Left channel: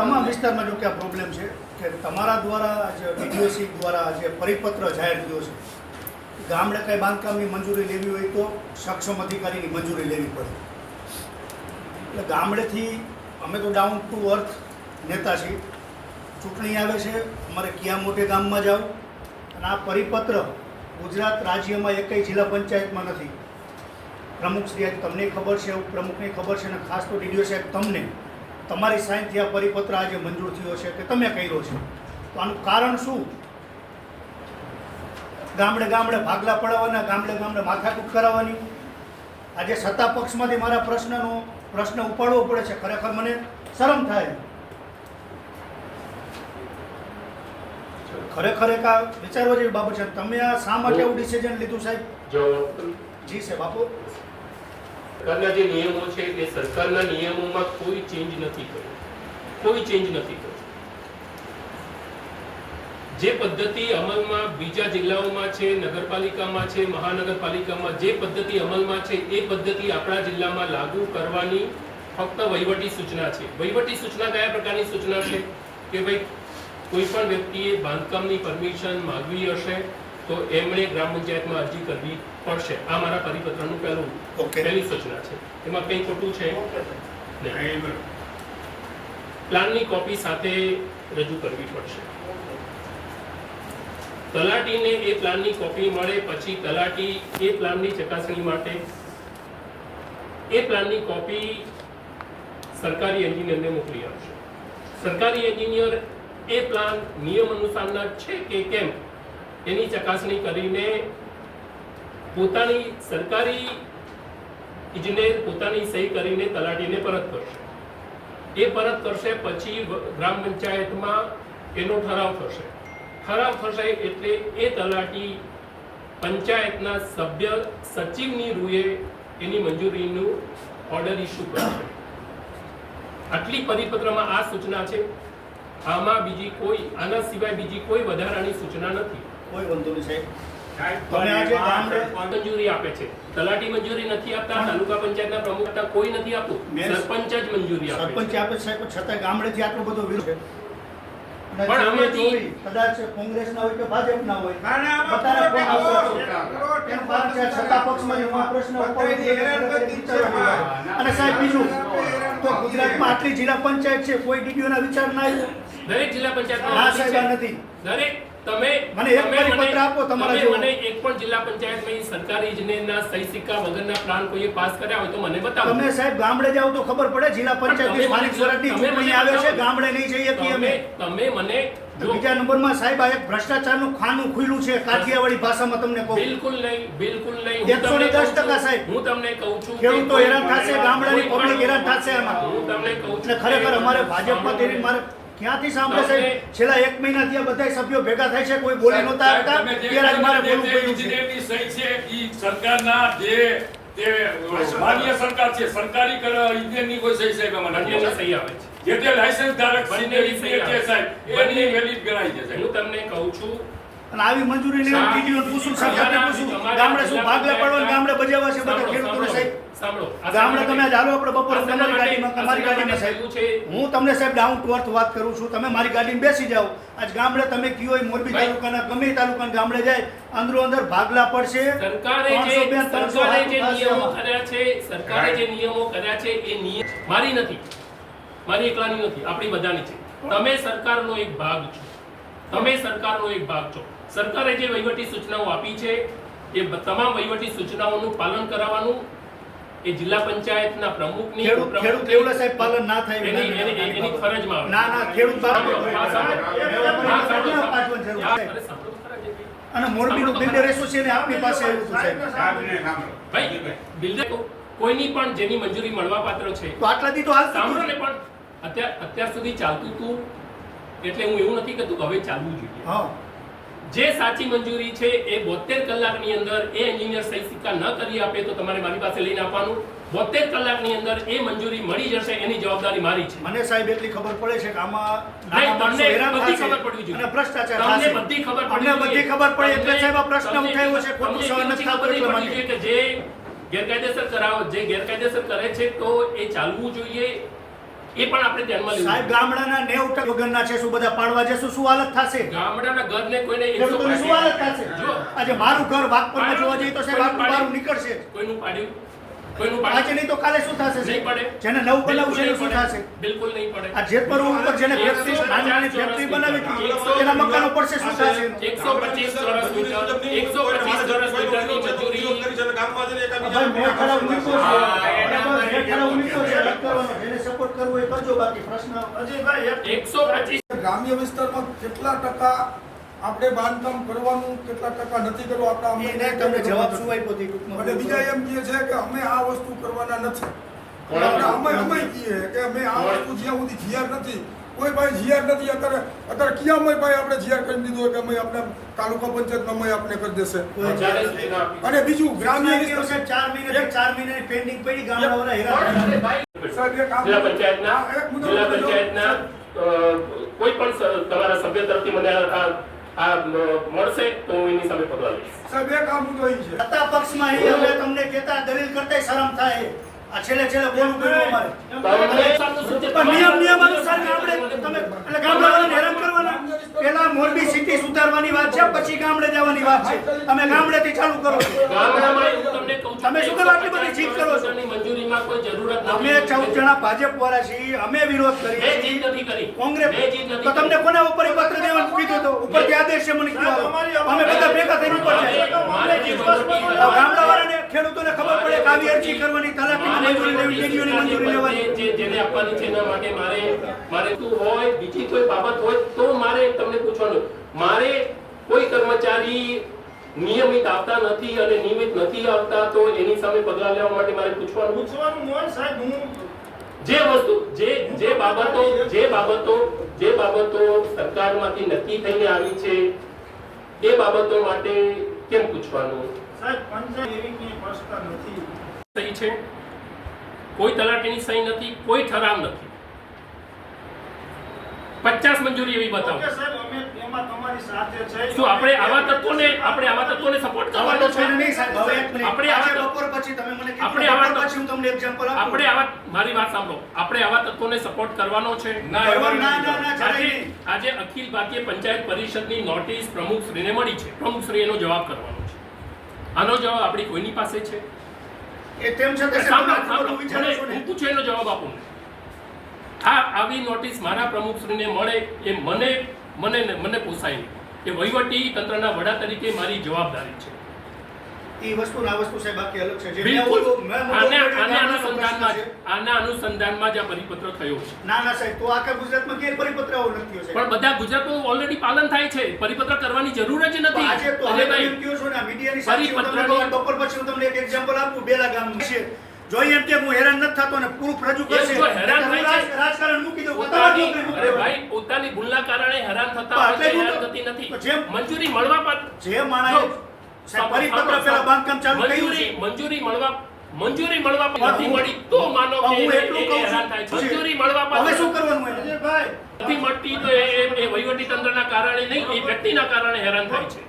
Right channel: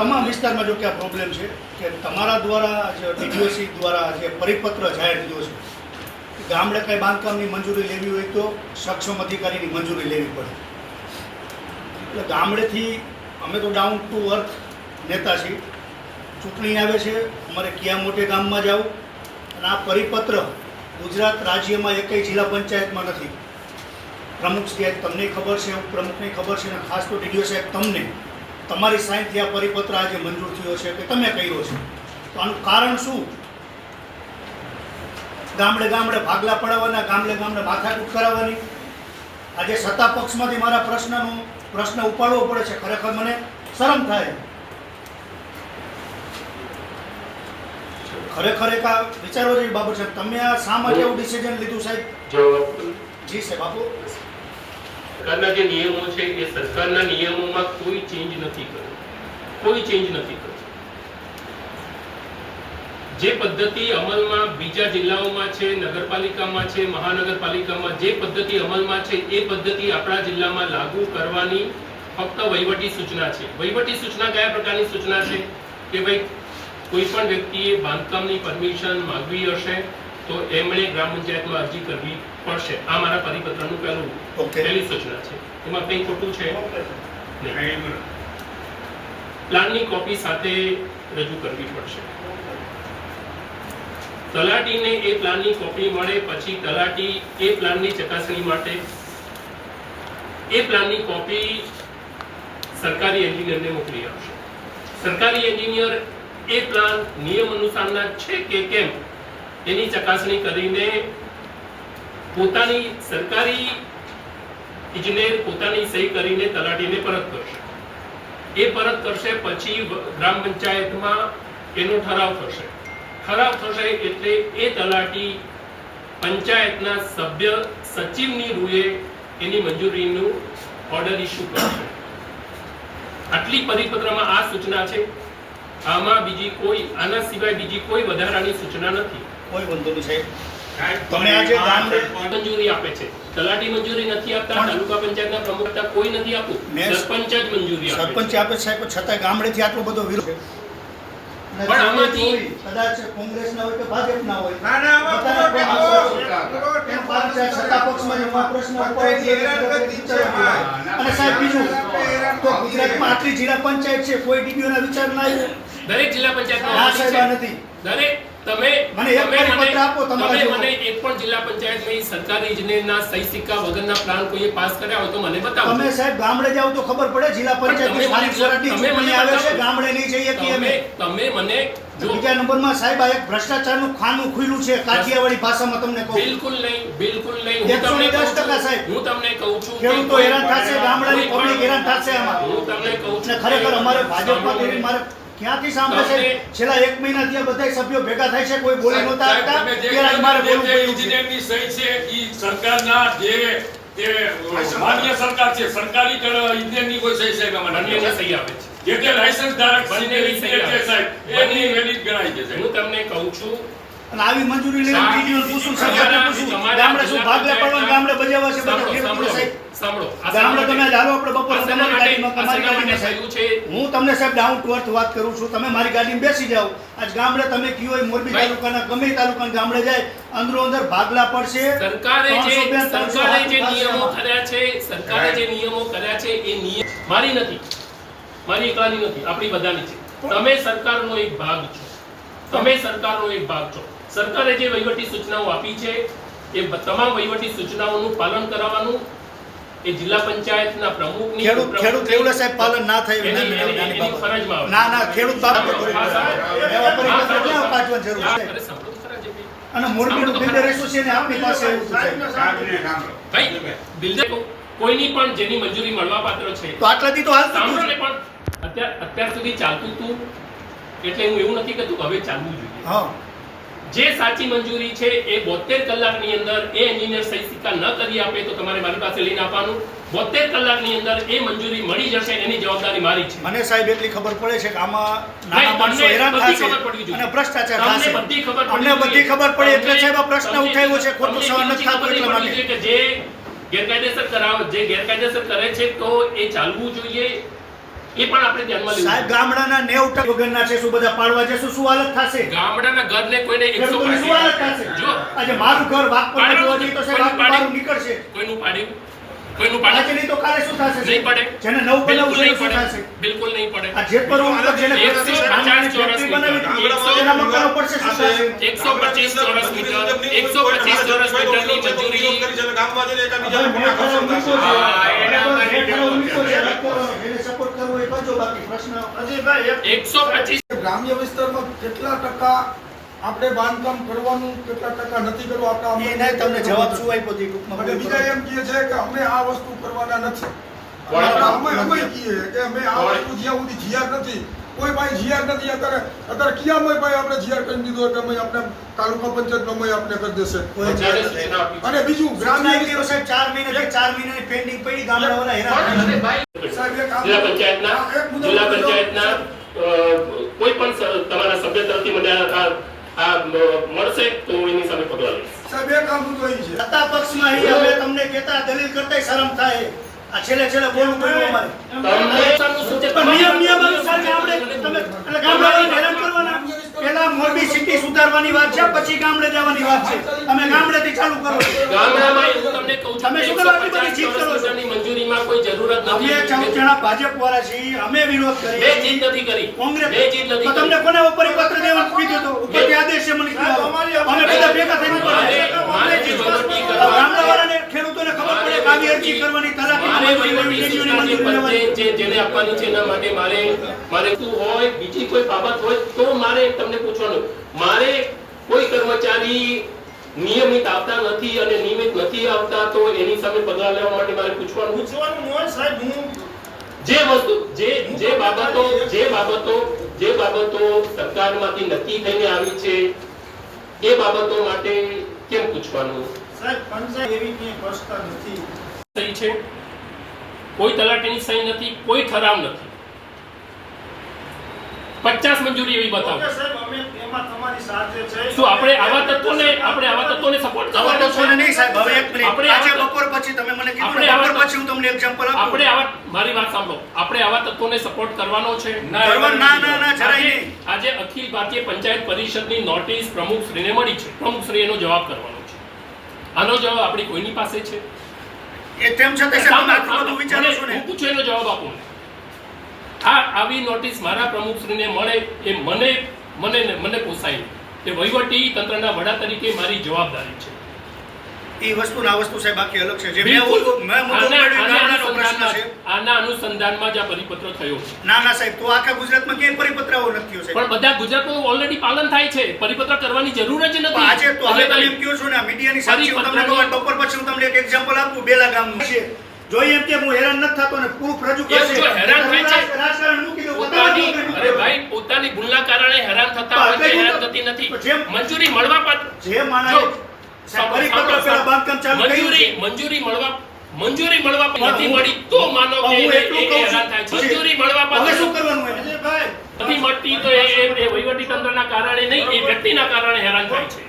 તમામ વિસ્તારમાં જો કે આ પ્રોબ્લેમ છે, કે તમારા દ્વારા જે ડીડીઓસી દ્વારા જે પરિપત્ર જાહેર થયો છે ગામડે કંઈ બાંધકામની મંજૂરી લેવી હોય તો સક્ષમ અધિકારીની મંજૂરી લેવી પડે. એટલે ગામડેથી અમે તો ડાઉન ટુ અર્થ નેતા છીએ. ચૂંટણી આવે છે, અમારે ક્યાં મોટે ગામમાં જાવ? અને આ પરિપત્ર ગુજરાત રાજ્યમાં એકેય જિલ્લા પંચાયતમાં નથી. પ્રમુખ શ્રી તમને ખબર છે પ્રમુખને ખબર છે, અને ખાસ તો ડીડીઓ સાહેબ તમને. તમારી સાઈનથી આ પરિપત્ર આજે મંજૂર થયો છે કે તમે કર્યો છે? તો આનું કારણ શું? ગામડે ગામડે ભાગલા પડાવવાના ગામડે ગામડે માથાકૂટ કરાવવાની. આજે સત્તા પક્ષમાંથી મારા પ્રશ્નનો પ્રશ્ન ઉપાડવો પડે છે. ખરેખર મને શરમ થાય. ખરેખર એક આ વિચારવા જેવી બાબત છે. તમે આ શા માટે એવું ડિસિઝન લીધું સાહેબ? જી સાહેબ આપો. સરકારના જે નિયમો છે એ સરકારના નિયમોમાં કોઈ ચેન્જ નથી કર્યો કોઈ ચેન્જ નથી કર્યો જે પદ્ધતિ અમલમાં બીજા જિલ્લાઓમાં છે, નગરપાલિકામાં છે, મહાનગરપાલિકામાં જે પદ્ધતિ અમલમાં છે, એ પદ્ધતિ આપણા જિલ્લામાં લાગુ કરવાની ફક્ત વહીવટી સૂચના છે. વહીવટી સૂચના કયા પ્રકારની સૂચના છે? કે ભાઈ કોઈ પણ વ્યક્તિએ બાંધકામની પરમિશન માંગવી હશે તો એમણે ગ્રામ પંચાયતમાં અરજી કરવી પડશે. આ મારા પરિપત્રનું પહેલું પહેલી સૂચના છે. એમાં કંઈ ખોટું છે? પ્લાનની કોપી સાથે રજૂ કરવી પડશે. તલાટીને એ પ્લાનની કોપી મળે પછી તલાટી એ પ્લાનની ચકાસણી માટે એ પ્લાનની કોપી સરકારી એન્જિનિયરને મોકલી આપશે. સરકારી એન્જિનિયર એ પ્લાન નિયમ અનુસારના છે કે કેમ? એની ચકાસણી કરીને પોતાની સરકારી ઇજનેર પોતાની સહી કરીને તલાટીને પરત કરશે. એ પરત કરશે પછી ગ્રામ પંચાયતમાં એનો ઠરાવ થશે. ઠરાવ થશે એટલે એ તલાટી પંચાયતના સભ્ય સચિવની રૂએ એની મંજૂરીનું ઓર્ડર ઇસ્યુ કરશે. આટલી પરિપત્રમાં આ સૂચના છે. આમાં બીજી કોઈ, આના સિવાય બીજી કોઈ વધારાની સૂચના નથી. કોઈ વાંધો નહીં સાહેબ. તમે આજે ગામડે મંજૂરી આપે છે. તલાટી મંજૂરી નથી આપતા તાલુકા પંચાયતના પ્રમુખ કોઈ નથી આપતું. સરપંચ જ મંજૂરી આપે સરપંચ આપે છે સાહેબ છતાં ગામડેથી આટલો બધો વિરોધ પણ આમાંથી- જોઈ, કદાચ કોંગ્રેસના હોય કે ભાજપના હોય ના, ના, આમાં કોણ આવશે? એમ પાછું સાહેબ સત્તા પક્ષમાં હું પ્રશ્ન ઉપાડી દઈએ એટલે ખરેખર વિચારવાની વાત. અને સાહેબ બીજું તો ગુજરાતમાં આટલી જિલ્લા પંચાયત છે કોઈ ડીડીઓના વિચાર ના આવ્યો? દરેક જિલ્લા પંચાયત ના સાહેબ નથી. દરેક તમે મને એક પરિપત્ર આપો તમારા તમે મને એક પણ જિલ્લા પંચાયતમાં સરકારી ઇજનેરના સહી સિક્કા વગરના પ્લાન કોઈએ પાસ કર્યા હોય તો મને બતાવો. તમે સાહેબ ગામડે જાઓ તો ખબર પડે જિલ્લા પંચાયતની તમે સ્થાનિક સ્વરાજની ચૂંટણી આવે છે ગામડે નહીં જઈએ કે અમે. તમે તમે મને બીજા નંબરમાં સાહેબ આ એક ભ્રષ્ટાચારનું ખાનું ખુલ્લું છે કાઠિયાવાડી ભાષામાં તમને કહું. બિલકુલ નહીં બિલકુલ નહીં. એકસો ને દસ ટકા સાહેબ. હું તમને કહું છું ખેડૂતો હેરાન થશે ગામડાની પબ્લિક હેરાન થશે આમાં. હું તમને કહું છું ખરેખર અમારે ભાજપમાં. મારે ક્યાંથી સાંભળે છે? છેલ્લા એક મહિનાથી આ બધા સભ્યો ભેગા થાય છે કોઈ બોલી નહોતા આવતા ત્યારે મારે બોલવું પડ્યું છે. ઇજનેરની સહી છે ઈ સરકારના જે તે માન્ય સરકાર છે સરકારી કર- ઇજનેરની કોઈ સહી સાહેબ એમાં નથી. અન્યની સહી આવે છે. જે તે લાયસન્સ ધારક સિનિયર ઇન્જિનિયર છે સાહેબ એની વેલિડ ગણાય છે હું તમને કહું છું અને આવી મંજૂરી લેવી સાહેબ, પૂછું સરકારને પૂછું. ગામડે શું ભાગલા પડવા ગામડે બજાવવા છે બધા ખેડૂતોને સાહેબ. સાંભળો. ગામડે તમે ચાલો આપણે બપોરે તમારી ગાડીમાં તમારી ગાડીમાં સાહેબ. હું તમને સાહેબ ડાઉન ટુ અર્થ વાત કરું છું. તમે મારી ગાડીમાં બેસી જાઓ. આજ ગામડે તમે કયો હોય મોરબી તાલુકાના ગમે તાલુકાના ગામડે જાય અંદરો અંદર ભાગલા પડશે. સરકારે જે 300 બેન, 300 સરકારે જે નિયમો કર્યા છે સરકારે જે નિયમો કર્યા છે એ નિયમ મારી નથી. મારી એકલાની નથી આપણી બધાની છે. તમે સરકારનો એક ભાગ છો. તમે સરકારનો એક ભાગ છો. સરકારે જે વહીવટી સૂચનાઓ આપી છે એ તમામ વહીવટી સૂચનાઓનું પાલન કરાવવાનું એ જિલ્લા પંચાયતના પ્રમુખની ખેડૂત ખેડૂત એવડે સાહેબ પાલન ના થાય એની- એની- ફરજમાં આવે. ના ના ખેડૂત બાપ સાંભળો, હા, સાંભળો. એવા પણ હા, બધા સાંભળો. ક્યાં કાઢવાની જરૂર હા, છે? અરે, સાંભળો તો ખરા જે બી. અને મોરબીનું બિલ્ડર એસોસિએશન આપણી પાસે આવ્યું હતું બિલ્ડર કોઈની પણ જેની મંજૂરી મળવા પાત્ર છે. તો આટલાથી તો હાલ સાંભળો ને પણ. અત્યાર અત્યાર સુધી ચાલતું હતું એટલે હું એવું નથી કહેતું હવે ચાલવું જોઈએ. હા. જે સાચી મંજૂરી છે એ બોતેર કલાકની અંદર એ એન્જિનિયર સહી સિક્કા ન કરી આપે તો તમારે મારી પાસે લઈને આપવાનું. બોતેર કલાકની અંદર એ મંજૂરી મળી જશે એની જવાબદારી મારી છે. મને સાહેબ એટલી ખબર પડે છે કે આમાં બધી ખબર પડવી જોઈએ. જે ગેરકાયદેસર કરાવ જે ગેરકાયદેસર કરે છે તો એ ચાલવું જોઈએ. એ પણ આપણે ધ્યાનમાં લેવું સાહેબ ગામડાના નેવ ટકા વગરના છે શું બધા પાડવા જશું શું હાલત થશે? ગામડાના ઘરને કોઈને એકસો ખેડૂતોની શું હાલત થશે? જો. આજે મારું ઘર વાઘપરમાં જોવા જઈએ તો સાહેબ કોઈનું મારું નીકળશે. કોઈનું પાડ્યું કોઈનું આજે નહીં તો કાલે શું થશે નહીં પડે. જેને નવું બનાવવું છે શું થશે? બિલકુલ નહીં પડે. આ જેતપર ઉપર જેને ફેક્ટરી નાની ફેક્ટરી બનાવી એકસો- તેના મકાનો પડશે શું થશે? એકસો પચીસ ચોરસ મીટર. એકસો પચીસ ચોરસ મીટરની મજૂરી. ભાઈ મેં ઠરાવ મૂક્યો છે હા, એના બરાબર, માટે મેં ઠરાવ મૂક્યો છે રદ કરવાનો જેને સપોર્ટ કરવો એ કરજો બાકી પ્રશ્ન એકસો પચીસ ગ્રામ્ય વિસ્તારમાં કેટલા ટકા આપણે બાંધકામ કરવાનું કેટલા ટકા નથી કરવું આપણે તમને જવાબ શું આપ્યો તે બીજા એમ કહે છે કે અમે આ વસ્તુ કરવાના નથી. અમે અમે કહીએ કે અમે આ વસ્તુ જ્યાં સુધી જીઆર નથી કોઈ ભાઈ જીઆર નથી અત્યારે અત્યારે ક્યાંમાં ભાઈ આપણે જીઆર કરી દીધો કે અમે આપણે તાલુકા પંચાયત અમે આપણે કરી દેશે. અને બીજું ગ્રામ્ય ચાર મહિના ચાર મહિનાની પેન્ડિંગ પડી ગામડાવાળા જિલ્લા પંચાયતના જિલ્લા પંચાયતના કોઈ પણ તમારા સભ્ય તરફથી મને આ મળશે તો હું એની સામે પગલાં લઈશ. સાહેબ એક આ મુદ્દો છે. સત્તા પક્ષમાં અમે તમને કહેતા દલીલ કરતા શરમ થાય. આ છેલ્લે છેલ્લે બોલવું પડ્યું અમારે. પણ નિયમ નિયમ અનુસાર આપણે તમે એટલે ગામડાવાળાને હેરાન કરવાના. પેલા મોરબી સિટી સુધારવાની વાત છે પછી ગામડે જવાની વાત છે. તમે ગામડેથી ચાલુ કરો તમે શું કરવા આટલી બધી જીત કરો છો? મંજૂરીમાં કોઈ જરૂરત નથી. અમે ચૌદ જણા ભાજપ વાળા છીએ અમે વિરોધ મેં કરીએ નથી કરી. કોંગ્રેસ મેં જીદ નથી તો તમને કોને ઉપર પત્ર દેવાનું કીધું તો ઉપરથી આદેશ છે મને કીધું અમે બધા ભેગા થઈને ઉપર વાળા ને મારે જે વહીવટી તો કરવાની- ગામડાવાળાને ખેડૂતોને ખબર પડે કે આવી અરજી કરવાની તલાટીની મારે મંજૂરી લેવી વહીવટી ડીડીઓની મંજૂરી સૂચનાની લેવાની જે- જેને આપવાની છે એના માટે મારે મારે શું હોય બીજી કોઈ બાબત હોય તો મારે તમને પૂછવાનું. મારે કોઈ કર્મચારી નિયમિત આવતા નથી અને નિયમિત નથી આવતા તો એની સામે પગલા લેવા માટે મારે પૂછવાનું. જે વસ્તુ જે જે બાબતો જે બાબતો જે બાબતો સરકારમાંથી નક્કી થઈને આવી છે એ બાબતો માટે કેમ પૂછવાનું? સહી છે? કોઈ તલાટીની સહી નથી કોઈ ઠરાવ નથી. પચાસ મંજૂરી એવી બતાવો. શું આપણે આવા તત્વોને આપણે આવા તત્વોને સપોર્ટ આવા તો છે? છે નહીં સાહેબ હવે એક મિનિટ આપણે આજે બપોર પછી તમે મને કીધું આપણે આવા પછી હું તમને એક્ઝામ્પલ આપું. આપણે આવા મારી વાત સાંભળો. આપણે આવા તત્વોને સપોર્ટ કરવાનો છે? ના, ના, ના, જરાય આજે નહીં. આજે અખિલ ભારતીય પંચાયત પરિષદની નોટિસ પ્રમુખ શ્રીને મળી છે. પ્રમુખ શ્રી એનો જવાબ કરવાનો છે. આનો જવાબ આપણી કોઈની પાસે છે? એ તેમ છતાં તમે આટલું બધું વિચારો છો ને? હું પૂછું એનો જવાબ આપું આ આવી નોટિસ મારા પ્રમુખશ્રીને મળે એ મને મને મને પોસાય. એ કે વહીવટી તંત્રના વડા તરીકે મારી જવાબદારી છે. એ વસ્તુ ના વસ્તુ સાહેબ અલગ છે. જે આના અનુસંધાનમાં જ- આ પરિપત્ર થયો. છે ના ના સાહેબ તો આખા ગુજરાતમાં ક્યાંય પરિપત્ર આવો નથી થયો પણ બધા ગુજરાતમાં ઓલરેડી પાલન થાય છે. પરિપત્ર કરવાની જરૂર જ નથી. આજે તો હવે તમે કહો છો ને મીડિયાની સાક્ષી તમને બપોર પછી હું તમને એક એક્ઝામ્પલ આપું બેલા ગામનું. છે. જોઈએ એમ કે હું હેરાન નથી થતો ને પ્રૂફ રજૂ કરશે. હેરાન તો છે. રાજકારણ મૂકી દો પોતાની પોતાની અરે ભાઈ પોતાની ભૂલના કારણે હેરાન થતા હોય છે હેરાન થતી નથી. મંજૂરી મળવા પાત્ર જે માણસે પરિપત્ર પેલા બાંધકામ ચાલુ કર્યું મંજૂરી છે? મંજૂરી મળવા મંજૂરી મળવા નથી મળી. તો માનો કે હું એટલું કહું હેરાન થાય છું. મંજૂરી મળવા હવે શું કરવાનું એમ? અજયભાઈ. નથી મળતી તો એ એ- એ વહીવટી તંત્રના કારણે નહીં એ વ્યક્તિના કારણે હેરાન થાય છે.